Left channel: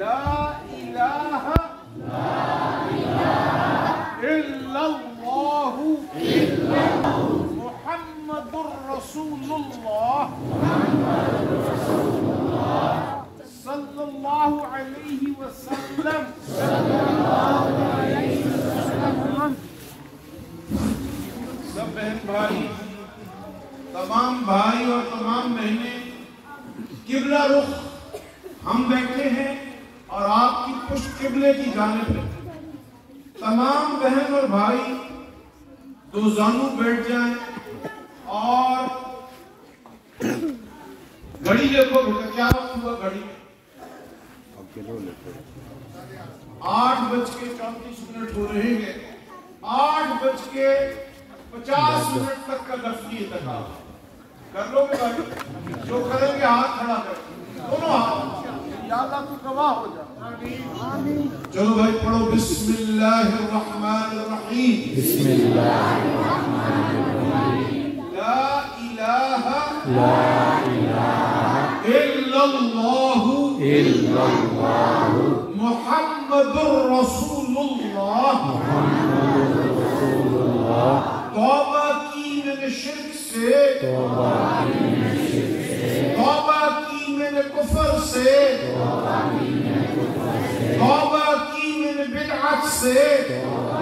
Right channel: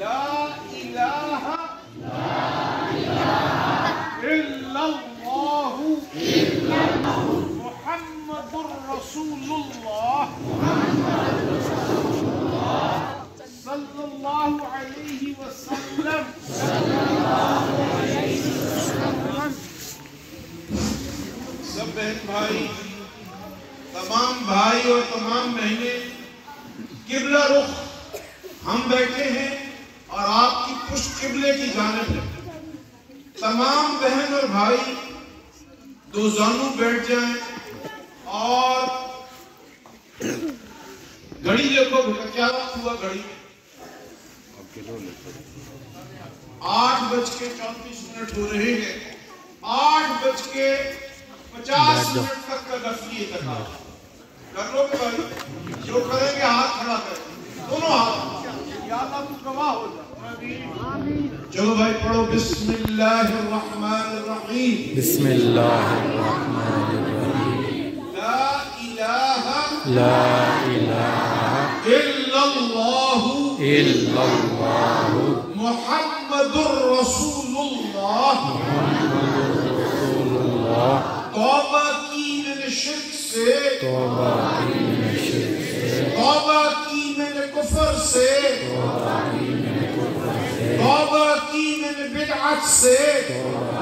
لا الہ الا اللہ محمد رسول اللہ صلی اللہ علیہ وسلم. سب بہن بھائی، تمام بھائی اور تمام بہنیں، قبلہ رخ ہم بیٹھے ہیں اور آپ کی پشت قبلے کی جانب ہے. تمام بہن اور بھائی دو زانو بیٹھ جائیں اور گھڑی دیکھو بیٹا، کیا وقت ہوا گھڑی میں؟ 8:34 ہو رہے ہیں. 8:50 تک کا نفلی اعتکاف کر لو گے بھائی؟ جو کریں گے ہاتھ کھڑا کریں، دونوں ہاتھ. یا اللہ تو گواہ ہو جا. چلو بھائی پڑھو بسم اللہ الرحمن الرحیم. بسم اللہ الرحمن الرحیم. لا الہ الا اللہ محمد رسول اللہ. توبہ کی من شرک سے، توبہ کی من کفر سے، توبہ کی من بدعت سے، توبہ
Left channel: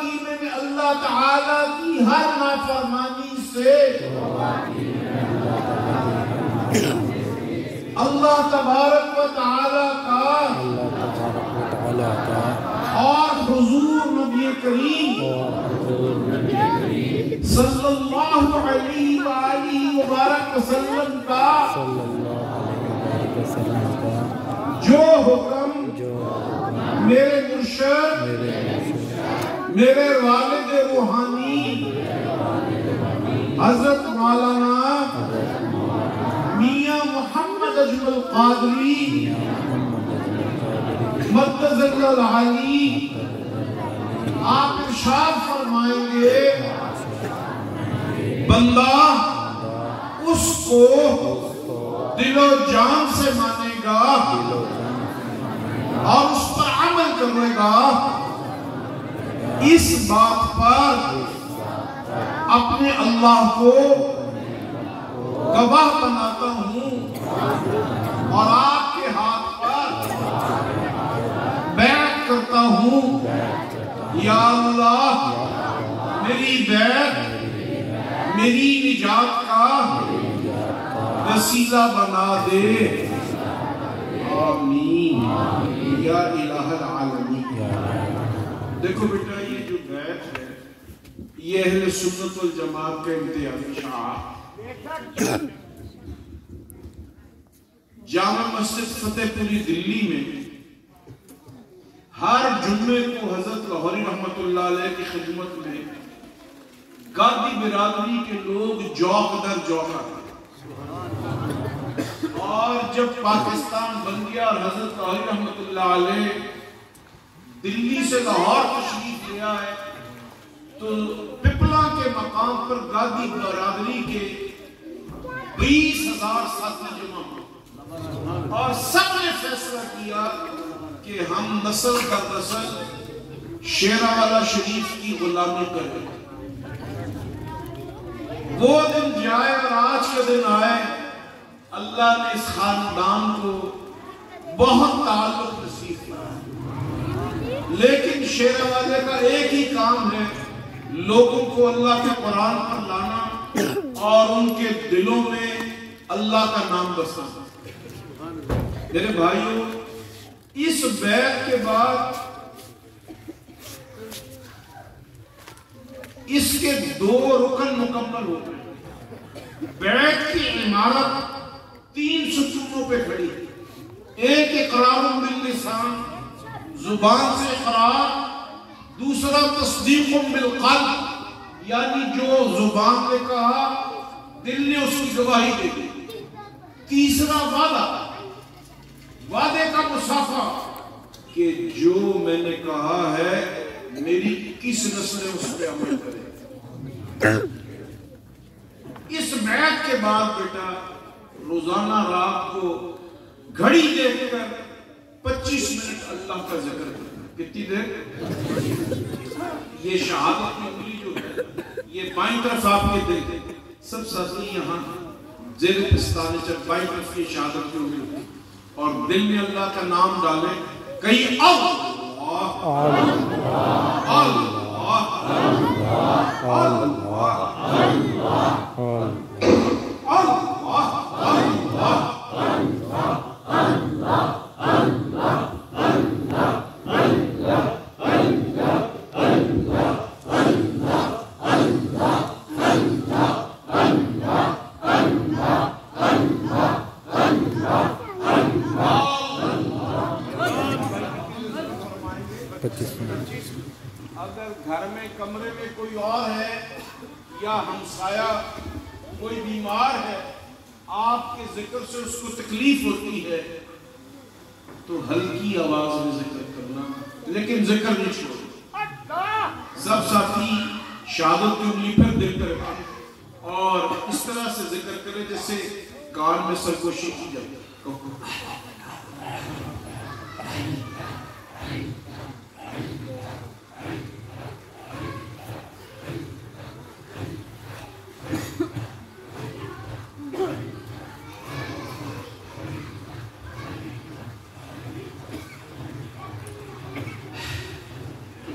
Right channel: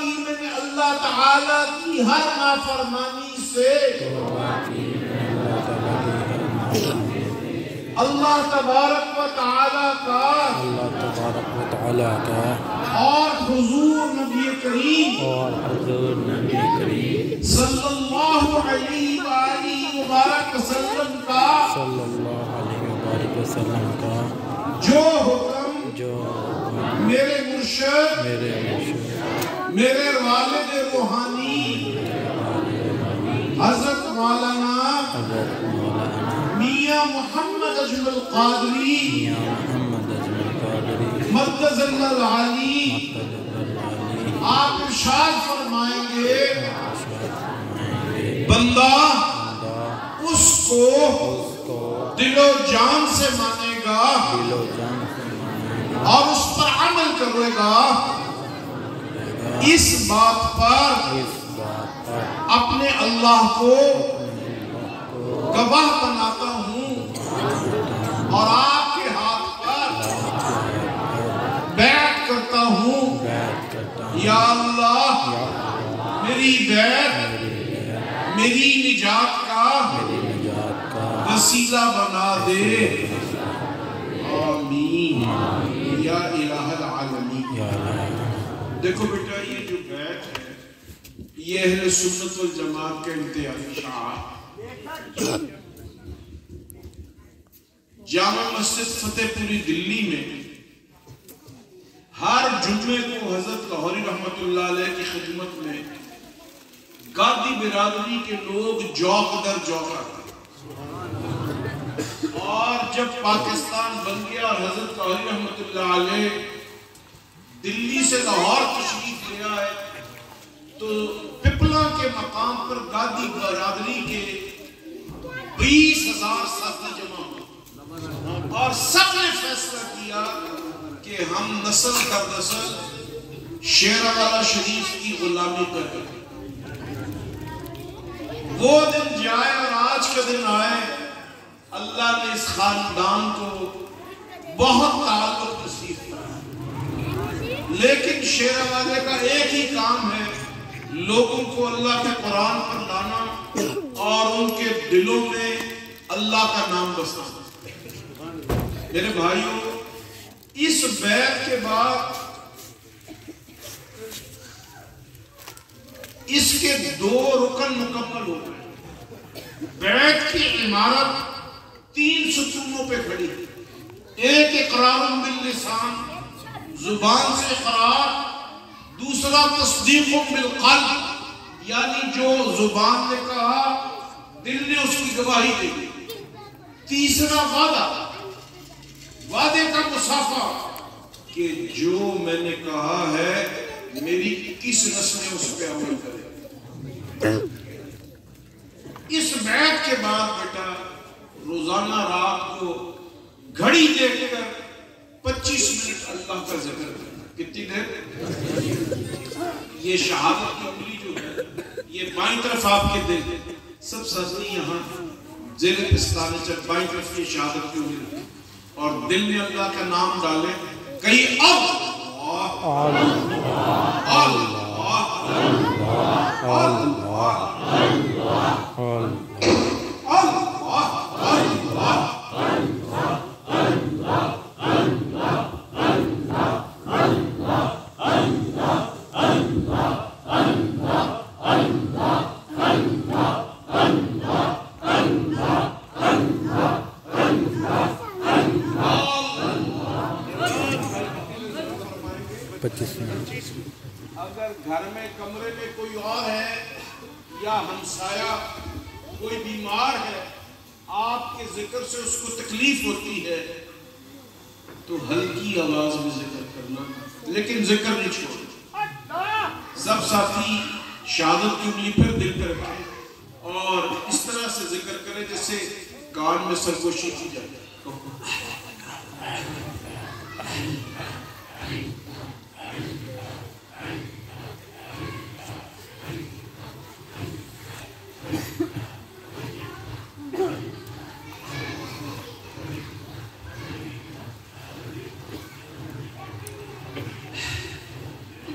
کی من اللہ تعالیٰ کی ہر نافرمانی سے. اللہ تبارک و تعالیٰ کا اور حضور نبی کریم صلی اللہ علیہ وآلہ وبارک وسلم کا جو حکم میرے مرشد میرے والد روحانی حضرت مولانا میاں محمد اجمل قادری مقدس اللہ علی آپ ارشاد فرمائیں گے، بندہ اس کو دل و جان سے مانے گا اور اس پر عمل کرے گا. اس بات پر اپنے اللہ کو گواہ بناتا ہوں اور آپ کے ہاتھ پر بیعت کرتا ہوں. یا اللہ میری بیعت میری نجات کا وسیلہ بنا دے. آمین یا الہ العالمین. دیکھو بیٹا، یہ جو بیعت ہے یہ اہل سنت والجماعت کا امتیازی شعار. جامع مسجد فتح پوری دلی میں ہر جمعے کو حضرت لاہوری رحمت اللہ علیہ کی خدمت میں گادی برادری کے لوگ جوق در جوق آتے. اور جب پاکستان بن گیا اور حضرت لاہوری رحمت اللہ علیہ دلی سے لاہور تشریف لے آئے تو پپلا کے مقام پر گادی برادری کے 20,000 ساتھی جمع ہوئے اور سب نے فیصلہ کیا کہ ہم نسل در نسل شیراوالہ شریف کی غلامی کریں. وہ دن جائے اور آج کے دن آئے، اللہ نے اس خاندان کو بہت تعلق نصیب کیا. لیکن شیراوالے کا ایک ہی کام ہے، لوگوں کو اللہ کے قرآن پر لانا اور ان کے دلوں میں اللہ کا نام بسنا. میرے بھائیوں، اس بیعت کے بعد اس کے 2 رکن مکمل ہو گئے. بیعت کی عمارت 3 ستونوں پہ کھڑی. ایک اقرار باللسان، زبان سے اقرار. دوسرا تصدیق بالقلب، یعنی جو زبان نے کہا دل نے اس کی گواہی دے دی. تیسرا وعدے کا مصافحہ کہ جو میں نے کہا ہے میری کس نسل اس پہ عمل کرے. اس بیعت کے بعد بیٹا روزانہ رات کو گھڑی دیکھ کر 25 منٹ اللہ کا ذکر کرنا. کتنی دیر؟ یہ شہادت کی انگلی جو ہے، یہ بائیں طرف آپ کے دل، سب ساتھی یہاں زیر پستانے جب بائیں طرف یہ شہادت کی انگلی اور دل میں اللہ کا نام ڈالیں. کئی اللہ اگر گھر میں کمرے میں کوئی اور ہے یا ہمسایہ کوئی بیمار ہے، آپ کے ذکر سے اس کو تکلیف ہوتی ہے تو ہلکی آواز میں ذکر کرنا، لیکن ذکر نہیں چھوڑنا. سب ساتھی شہادت کی انگلی پھر دل کر رکھیں اور اس طرح سے ذکر کریں جیسے کان میں سرگوشی کی جائے.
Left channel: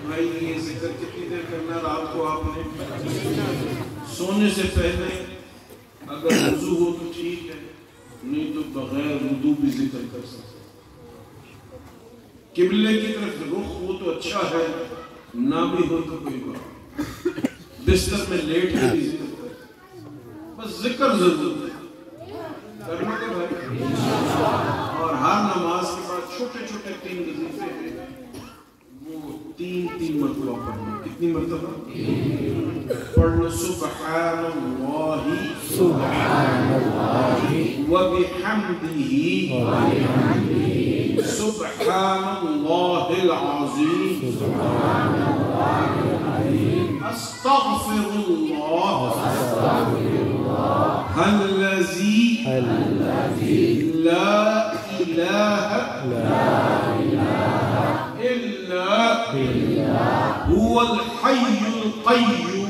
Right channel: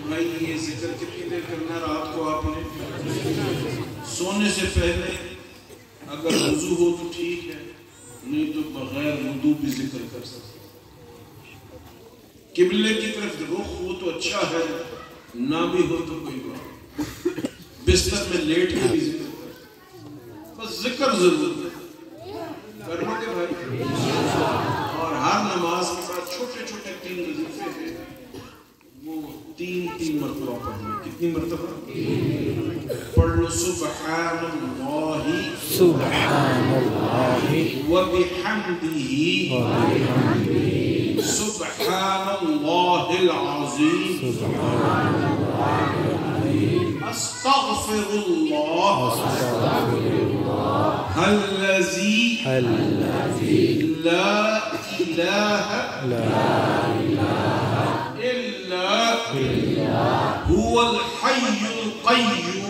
بھائی یہ ذکر کتنی دیر کرنا رات کو آپ نے؟ سونے سے پہلے اگر وضو ہو تو ٹھیک ہے، نہیں تو بغیر وضو بھی ذکر کر سکتے. قبلے کی طرف رخ ہو تو اچھا ہے، نہ بھی ہو تو کوئی بات. بستر میں لیٹ کے بھی ذکر کر، بس ذکر ضرور کرنے کے بھائی. اور ہر نماز کے بعد چھوٹے چھوٹے 3 وظیفے ہیں، وہ 3 مرتبہ پڑھنا. کتنی مرتبہ پڑھ لو؟ سبحان اللہ وبحمدہ سبحان اللہ العظیم استغفر اللہ الذی لا الہ الا هو الحي القيوم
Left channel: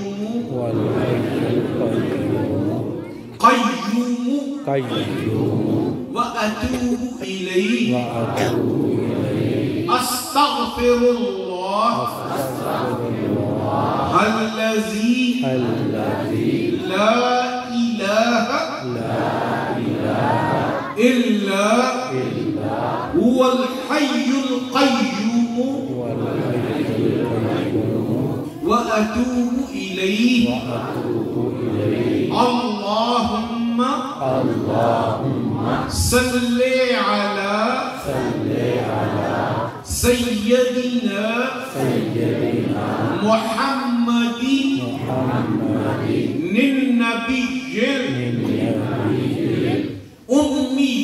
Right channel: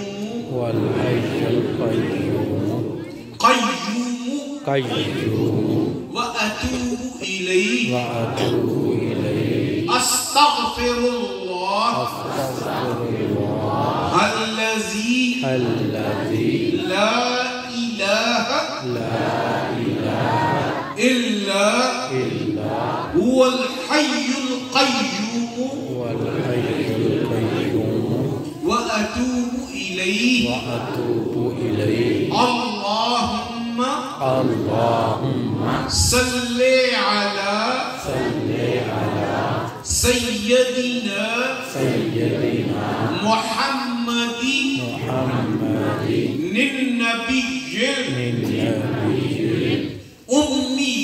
وأتوب إليه أستغفر الله الذي لا إله إلا هو الحي القيوم وأتوب إليه اللهم صل على سيدنا محمد النبي الأمي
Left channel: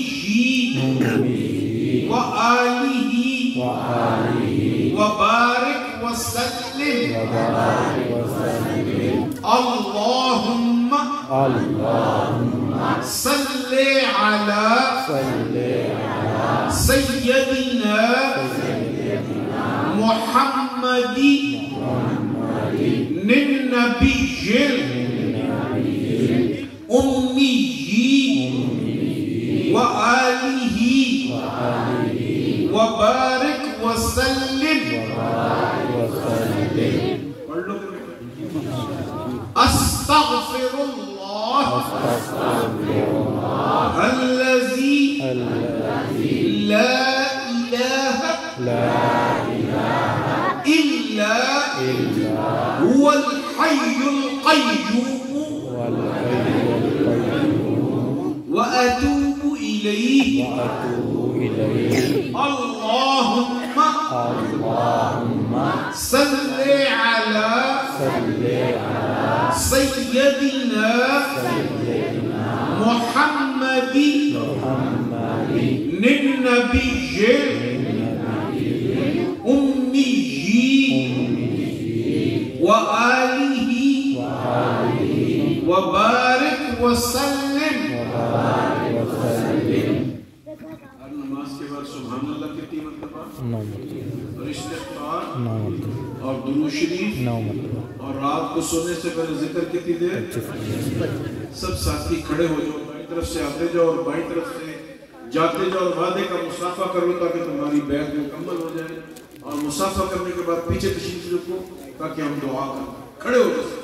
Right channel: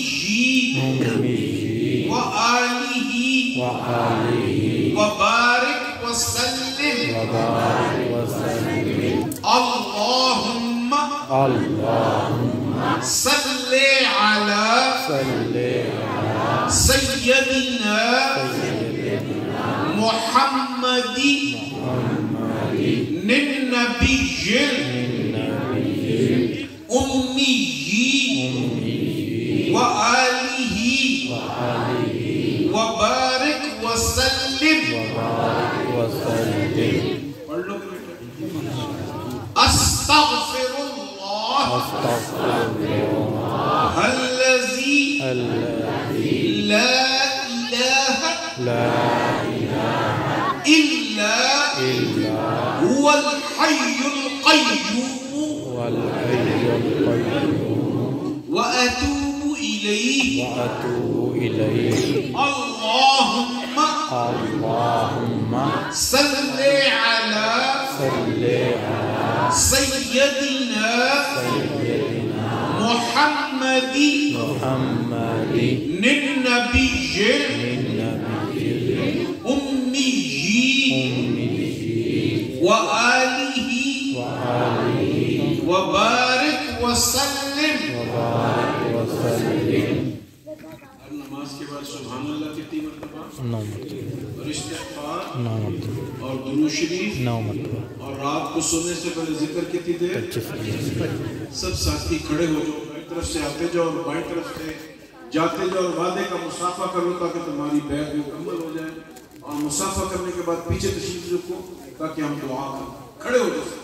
وآله وبارك وسلم اللهم صل على سيدنا محمد النبي الأمي وآله وبارك وسلم أستغفر الله الذي لا إله إلا هو الحي القيوم وأتوب إليه اللهم صل على سيدنا محمد النبي الأمي وآله وبارك وسلم نماز کے بعد سبحان اللہ کتنی مرتبہ؟ 9 مرتبہ. اور استغفار 9 مرتبہ. اور درود شریف 9 مرتبہ. اور رات کو سونے سے پہلے ذکر کتنی دیر؟ 25. سب ساتھی کھڑے ہو جاؤ، ایک طرف سے آتے جاؤ اور بائیں طرف سے جاتے جاؤ، اور وعدے کا مصافحہ کرو تاکہ تمہاری بیعت مکمل ہو جائے، اور مصافحہ کرنے کے بعد پیچھے تشریف رکھو تاکہ ہم دعا کریں. کھڑے ہو جاؤ.